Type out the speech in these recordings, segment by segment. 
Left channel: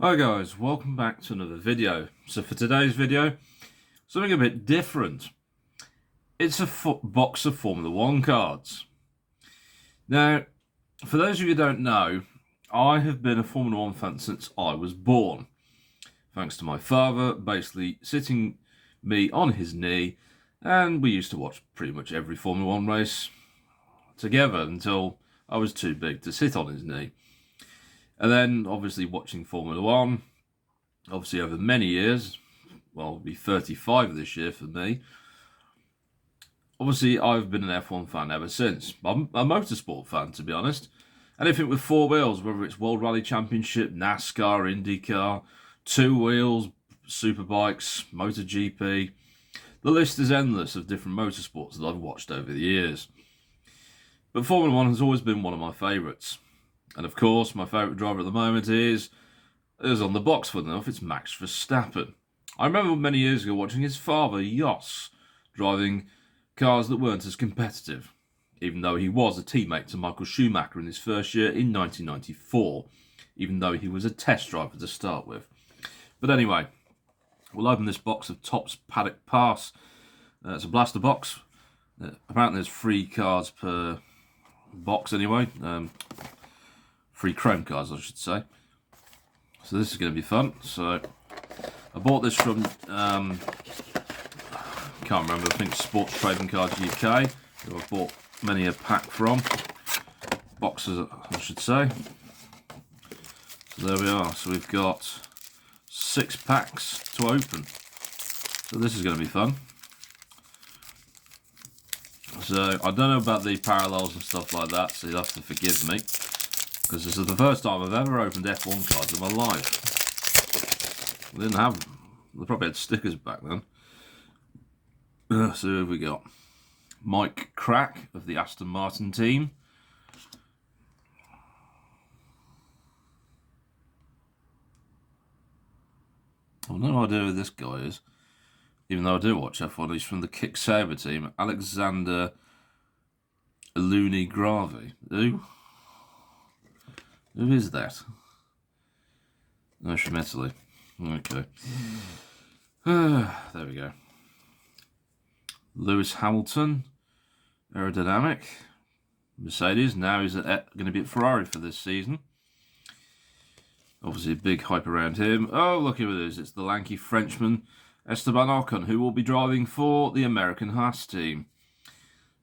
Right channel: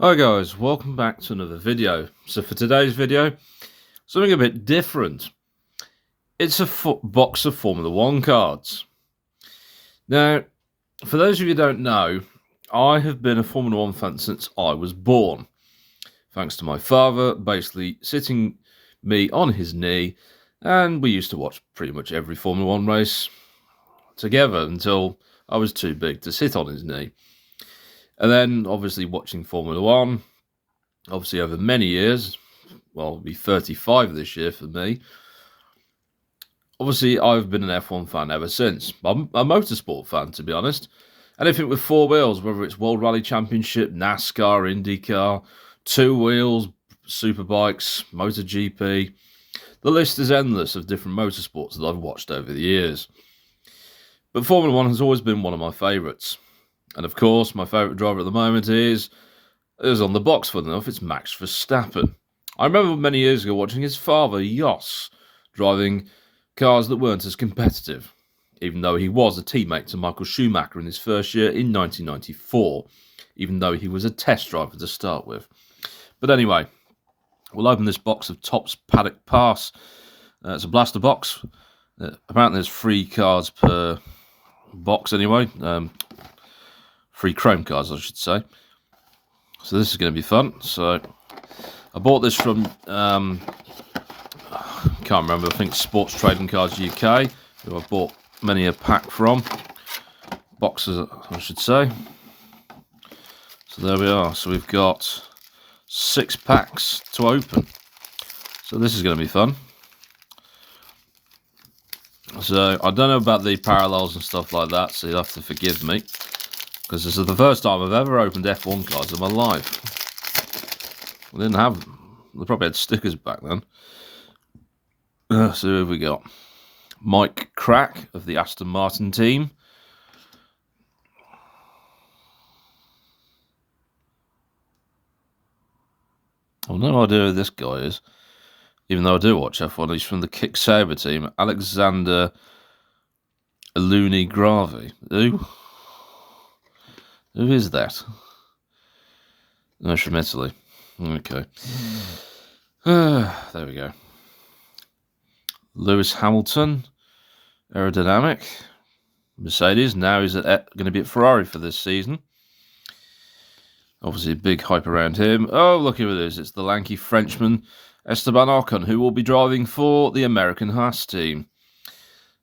Hi guys, welcome back to another video. So for today's video, something a bit different. It's a box of Formula 1 cards. Now, for those of you who don't know, I have been a Formula 1 fan since I was born. Thanks to my father basically sitting me on his knee, and we used to watch pretty much every Formula 1 race together until I was too big to sit on his knee. And then obviously watching Formula 1, obviously over many years, well, it'll be 35 this year for me. Obviously, I've been an F1 fan ever since. I'm a motorsport fan, to be honest. Anything with four wheels, whether it's World Rally Championship, NASCAR, IndyCar, two wheels, superbikes, MotoGP. The list is endless of different motorsports that I've watched over the years. But Formula 1 has always been one of my favourites. And of course, my favourite driver at the moment is on the box, fun enough, it's Max Verstappen. I remember many years ago watching his father, Jos, driving cars that weren't as competitive, even though he was a teammate to Michael Schumacher in his first year in 1994, even though he was a test driver to start with. But anyway, we'll open this box of Topps Paddock Pass. It's a blaster box. Apparently there's 3 cards per box anyway. 3 chrome cards, I should say. So this is going to be fun. So I bought this from, can't remember, I think Sports Trading Cards UK, who I've bought many a pack from. Boxes, I should say. So there we are. So we've got 6 packs to open. So this is going to be fun. So I don't know about the parallels and stuff like that, so you'll have to forgive me, because this is the first time I've ever opened F1 cards in my life. I didn't have, they probably had stickers back then. So who have we got? Mike Crack of the Aston Martin team. I've no idea who this guy is, even though I do watch F1. He's from the Kick Sauber team. Alexander Aluni Gravi. Who is that? No, from Italy. Okay. There we go. Lewis Hamilton, aerodynamic. Mercedes, now he's going to be at Ferrari for this season. Obviously, a big hype around him. Oh, look who it is. It's the lanky Frenchman, Esteban Ocon, who will be driving for the American Haas team.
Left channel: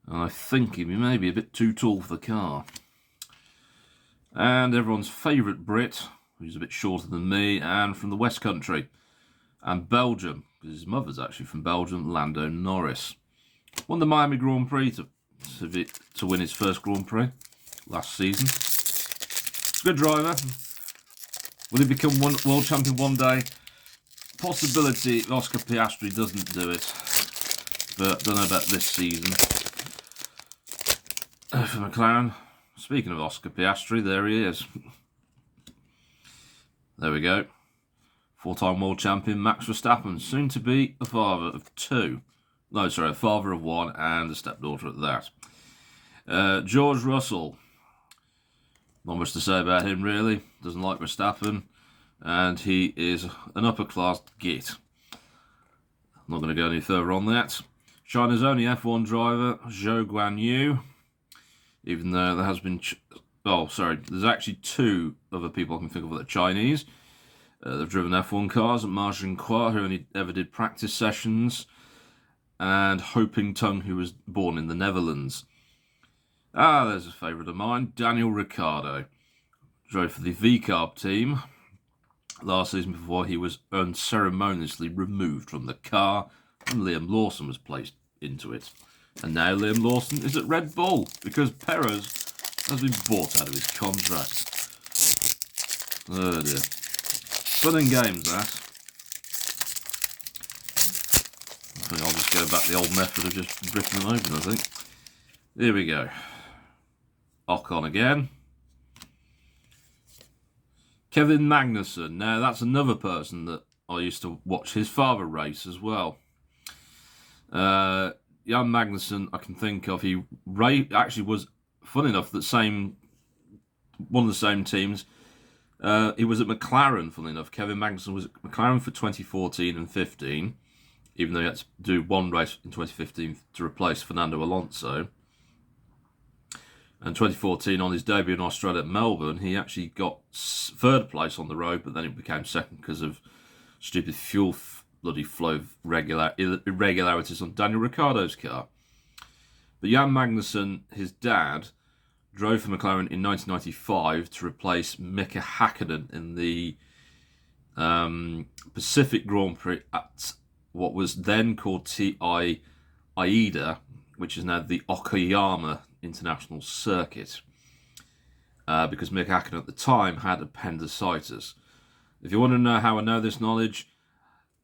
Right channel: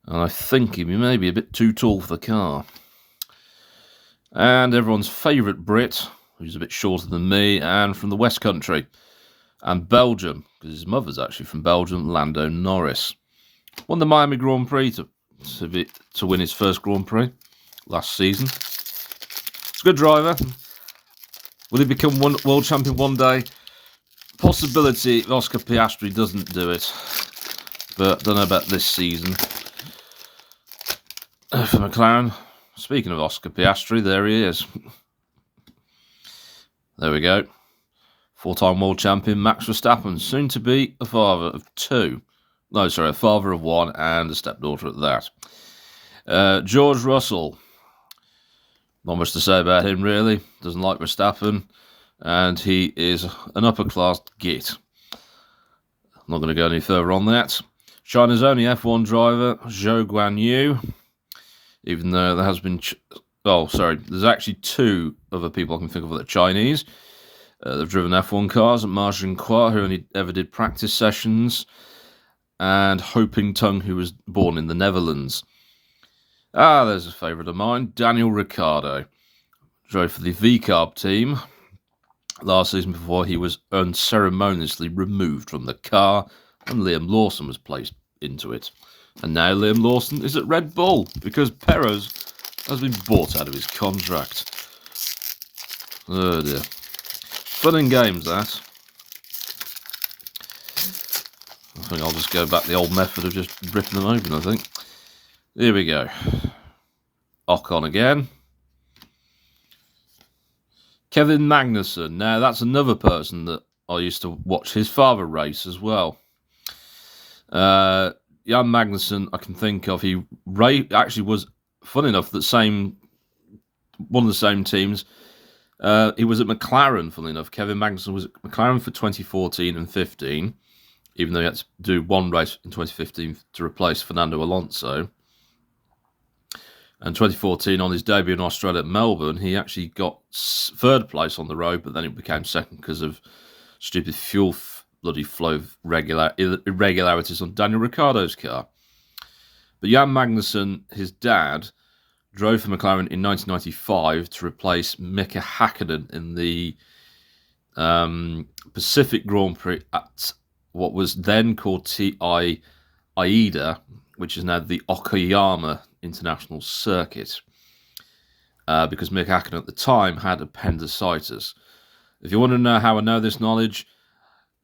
And I think he may be a bit too tall for the car. And everyone's favourite Brit, who's a bit shorter than me, and from the West Country. And Belgium, because his mother's actually from Belgium, Lando Norris. Won the Miami Grand Prix to win his first Grand Prix last season. It's a good driver. Will he become world champion one day? Possibility if Oscar Piastri doesn't do it. But don't know about this season. For McLaren. Speaking of Oscar Piastri, there he is. There we go. 4-time world champion Max Verstappen, soon to be a father of 2. No, sorry, a father of 1 and a stepdaughter at that. George Russell. Not much to say about him, really. Doesn't like Verstappen. And he is an upper-class git. I'm not going to go any further on that. China's only F1 driver, Zhou Guanyu. Even though there has been... there's actually 2 other people I can think of that are Chinese. They've driven F1 cars. Ma Jinhua, who only ever did practice sessions. And Ho Ping Tung, who was born in the Netherlands. There's a favourite of mine. Daniel Ricciardo. Drove for the VCARB team last season before he was unceremoniously removed from the car and Liam Lawson was placed into it. And now Liam Lawson is at Red Bull because Perez has been bought out of his contract. Oh dear. Fun and games, that. I think I'll just go back the old method of just ripping them open, I think. Here we go. Ocon again. Kevin Magnussen. Now, that's another person that I used to watch his father race as well. Jan Magnussen, I can think of. He actually was, fun enough, one of the same teams He was at McLaren, funnily enough. Kevin Magnussen was at McLaren for 2014 and 15, even though he had to do one race in 2015 to replace Fernando Alonso. And 2014, on his debut in Australia at Melbourne, he actually got third place on the road, but then it became second because of stupid fuel bloody flow irregularities on Daniel Ricciardo's car. But Jan Magnussen, his dad, drove for McLaren in 1995 to replace Mika Hakkinen in the Pacific Grand Prix at what was then called TI Aida, which is now the Okayama International Circuit, because Mika Hakkinen at the time had appendicitis. If you want to know how I know this knowledge,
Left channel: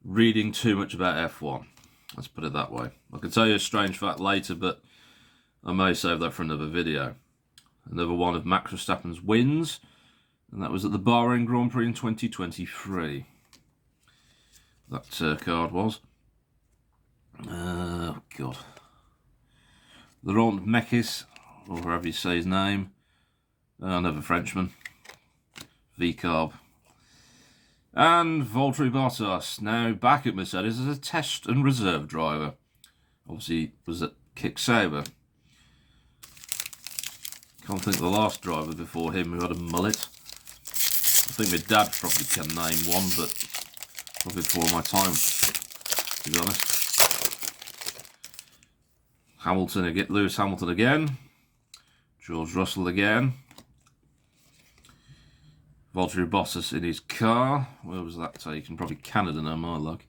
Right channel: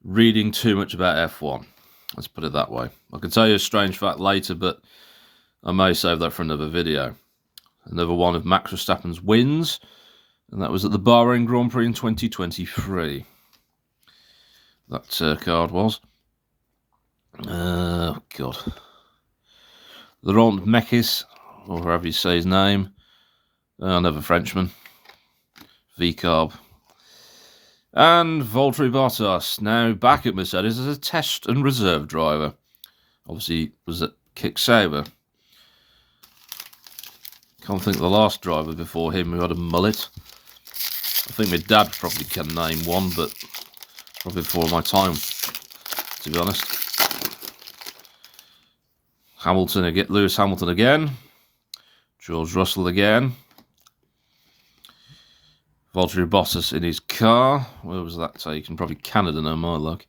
reading too much about F1. Let's put it that way. I can tell you a strange fact later, but I may save that for another video. Another one of Max Verstappen's wins, and that was at the Bahrain Grand Prix in 2023. That card was. Oh, God. Laurent Mekis, or however you say his name. Another Frenchman. V-Carb. And Valtteri Bottas, now back at Mercedes as a test and reserve driver. Obviously, was at Kick Sauber. Can't think of the last driver before him who had a mullet. I think my dad probably can name one, but probably before my time, to be honest. Hamilton again, Lewis Hamilton again. George Russell again. Valtteri Bottas in his car. Where was that taken? Probably Canada now, my luck.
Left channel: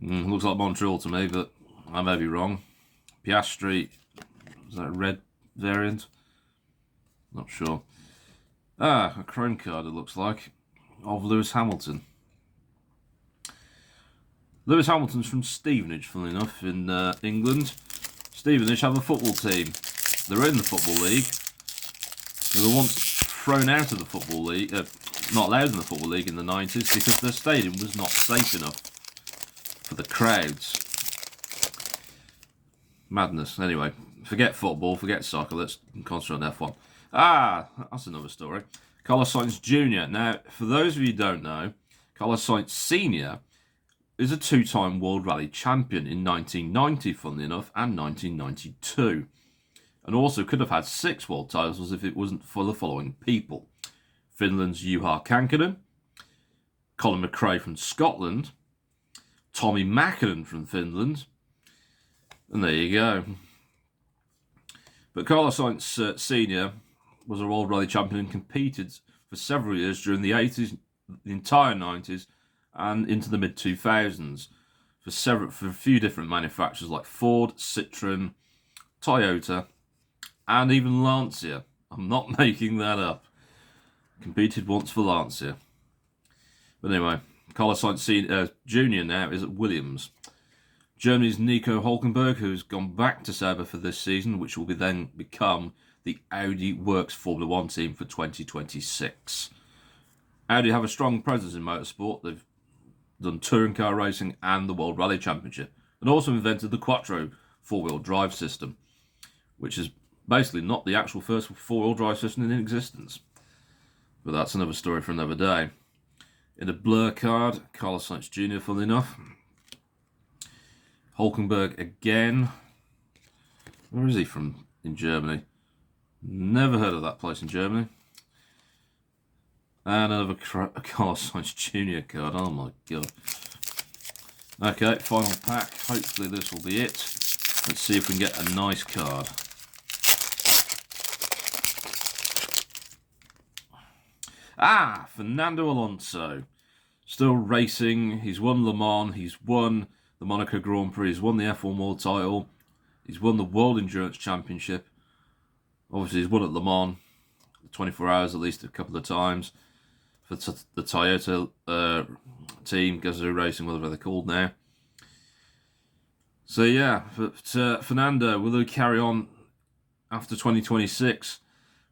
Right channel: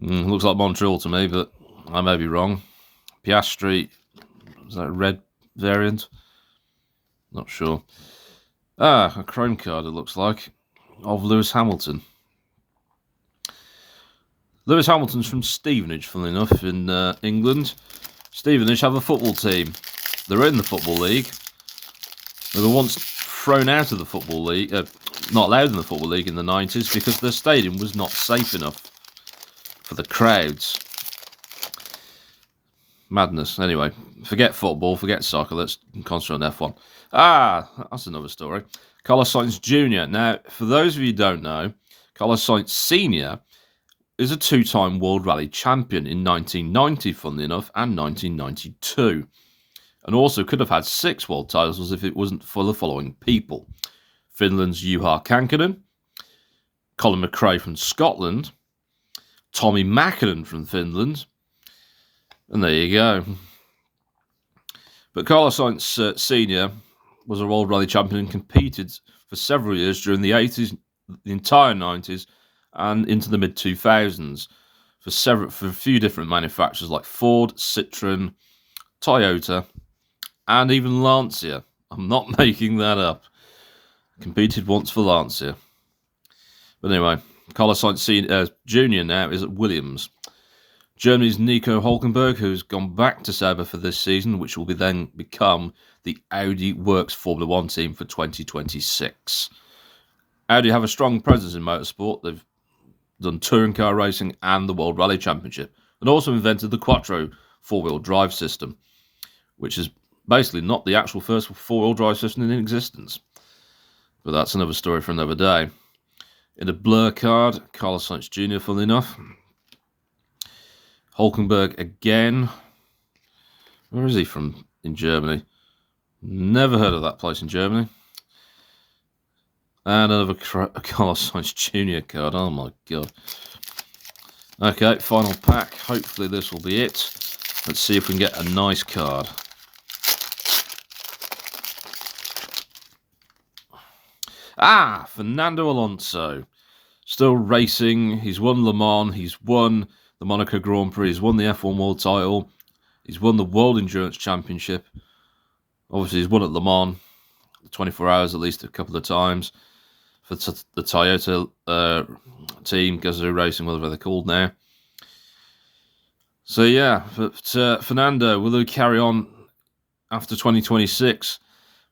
Looks like Montreal to me, but I may be wrong. Piastri, is that a red variant? Not sure. A chrome card, it looks like, of Lewis Hamilton. Lewis Hamilton's from Stevenage, funnily enough, in England. Stevenage have a football team. They're in the Football League. They were once thrown out of the Football League, not allowed in the Football League in the 90s because their stadium was not safe enough for the crowds. Madness. Anyway, forget football, forget soccer. Let's concentrate on F1. That's another story. Carlos Sainz Jr. Now, for those of you who don't know, Carlos Sainz Sr. is a two-time World Rally champion in 1990, funnily enough, and 1992. And also could have had 6 world titles if it wasn't for the following people. Finland's Juha Kankkunen, Colin McRae from Scotland, Tommi Mäkinen from Finland, and there you go. But Carlos Sainz Sr. was a World Rally champion and competed for several years during the 80s, the entire 90s, and into the mid-2000s for a few different manufacturers like Ford, Citroen, Toyota, and even Lancia. I'm not making that up. Competed once for Lancia. But anyway, Carlos Sainz Jr. now is at Williams. Germany's Nico Hülkenberg, who's gone back to Sauber for this season, which will then become the Audi Works Formula 1 team for 2026. Audi have a strong presence in motorsport. They've done touring car racing and the World Rally Championship, and also invented the Quattro four-wheel drive system, which is basically not the actual first four-wheel drive system in existence. But that's another story for another day. In a blur card, Carlos Sainz Jr., funnily enough. Hülkenberg again. Where is he from in Germany? Never heard of that place in Germany. And another Carlos Sainz Jr. card. Oh my god. Okay, final pack. Hopefully this will be it. Let's see if we can get a nice card. Fernando Alonso. Still racing. He's won Le Mans. He's won the Monaco Grand Prix. He's won the F1 World title. He's won the World Endurance Championship. Obviously, he's won at Le Mans, 24 hours at least a couple of times. For the Toyota team, Gazoo Racing, whatever they're called now. So yeah, but Fernando, will he carry on after 2026?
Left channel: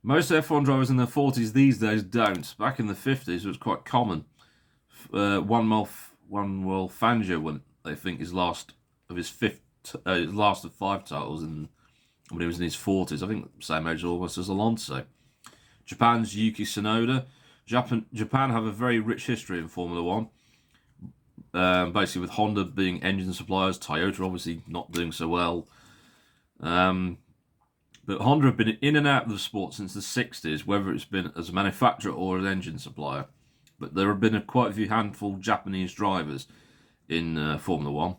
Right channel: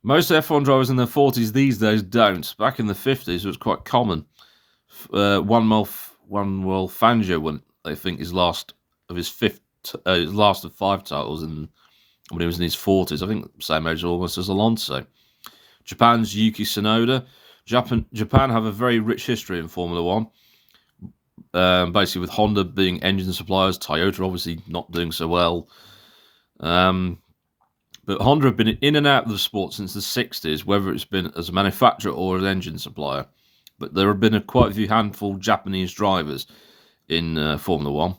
Most F1 drivers in their 40s these days don't. Back in the 50s, it was quite common. Juan Manuel Fangio won, I think, his last of 5 titles in when he was in his 40s. I think same age almost as Alonso. Japan's Yuki Tsunoda. Japan have a very rich history in Formula One. Basically, with Honda being engine suppliers, Toyota obviously not doing so well. But Honda have been in and out of the sport since the 60s, whether it's been as a manufacturer or an engine supplier. But there have been quite a few handful of Japanese drivers in Formula One.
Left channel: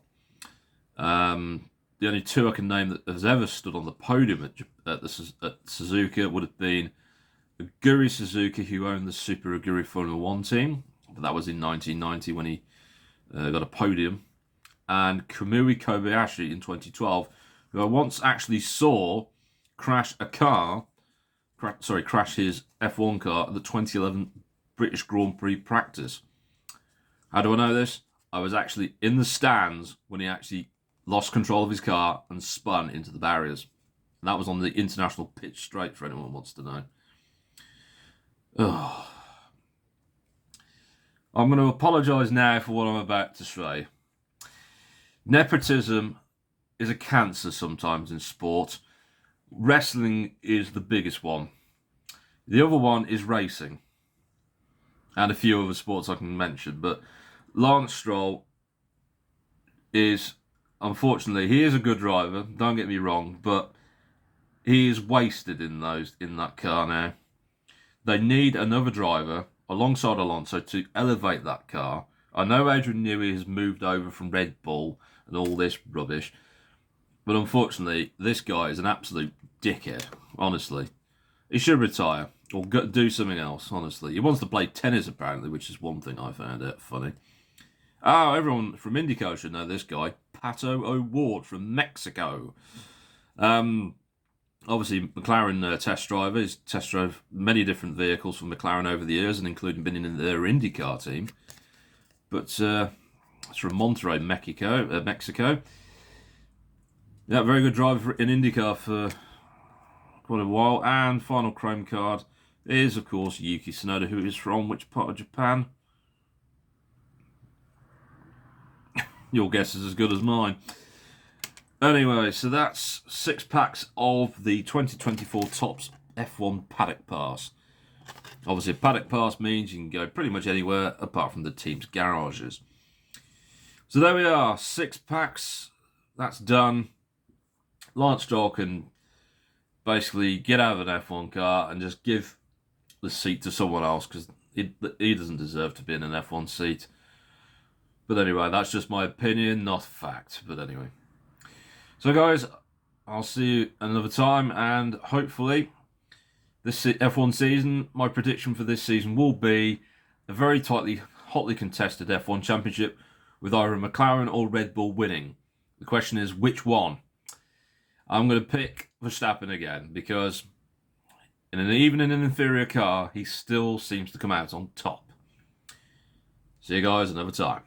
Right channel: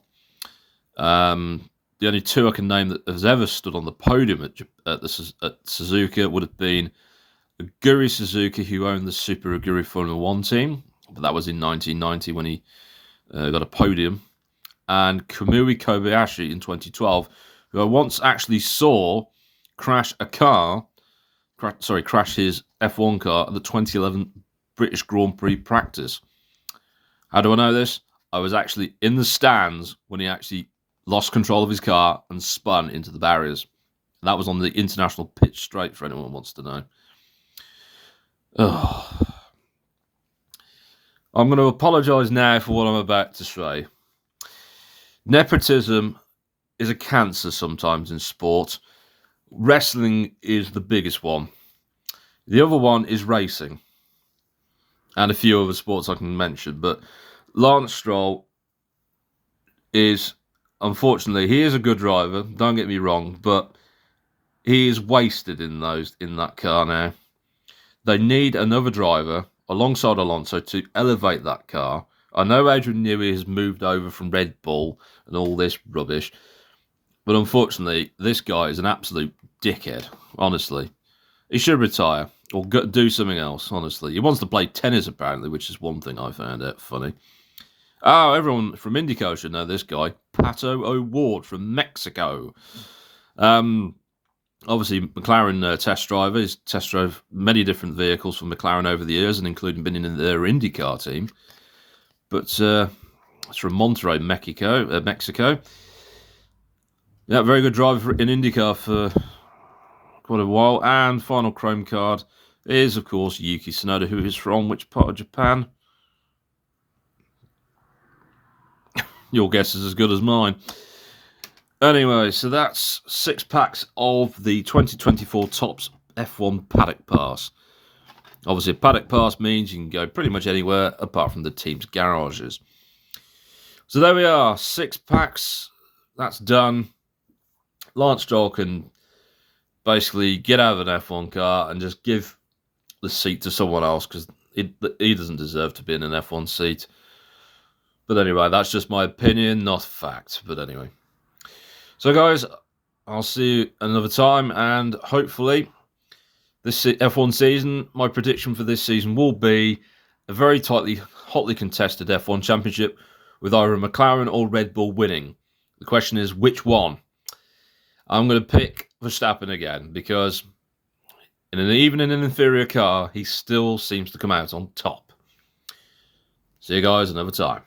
The only two I can name that has ever stood on the podium at Suzuka would have been Aguri Suzuki, who owned the Super Aguri Formula One team, but that was in 1990 when he got a podium, and Kamui Kobayashi in 2012, who I once actually saw crash his F1 car at the 2011 British Grand Prix practice. How do I know this? I was actually in the stands when he actually lost control of his car and spun into the barriers. That was on the International Pitch Straight, for anyone who wants to know. Oh. I'm going to apologise now for what I'm about to say. Nepotism is a cancer sometimes in sport. Wrestling is the biggest one. The other one is racing. And a few other sports I can mention. But Lance Stroll is, unfortunately, he is a good driver, don't get me wrong, but he is wasted in that car now. They need another driver alongside Alonso to elevate that car. I know Adrian Newey has moved over from Red Bull and all this rubbish, but unfortunately, this guy is an absolute dickhead, honestly. He should retire or do something else, honestly. He wants to play tennis, apparently, which is one thing I found out funny. Oh, everyone from IndyCar should know this guy. Pato O'Ward from Mexico. Obviously, McLaren test driver. He's test drove many different vehicles from McLaren over the years, and including being in their IndyCar team. But it's from Monterrey, Mexico. Yeah, very good driver in IndyCar for quite a while. And final chrome card is, of course, Yuki Tsunoda, who is from which part of Japan? Your guess is as good as mine. Anyway, so that's 6 packs of the 2024 Topps F1 Paddock Pass. Obviously, a Paddock Pass means you can go pretty much anywhere apart from the team's garages. So there we are, 6 packs. That's done. Lance Stroll can basically get out of an F1 car and just give the seat to someone else because he doesn't deserve to be in an F1 seat. But anyway, that's just my opinion, not fact. But anyway. So guys, I'll see you another time, and hopefully this F1 season, my prediction for this season will be a very hotly contested F1 championship with either McLaren or Red Bull winning. The question is, which one? I'm going to pick Verstappen again because even in an inferior car, he still seems to come out on top. See you guys another time.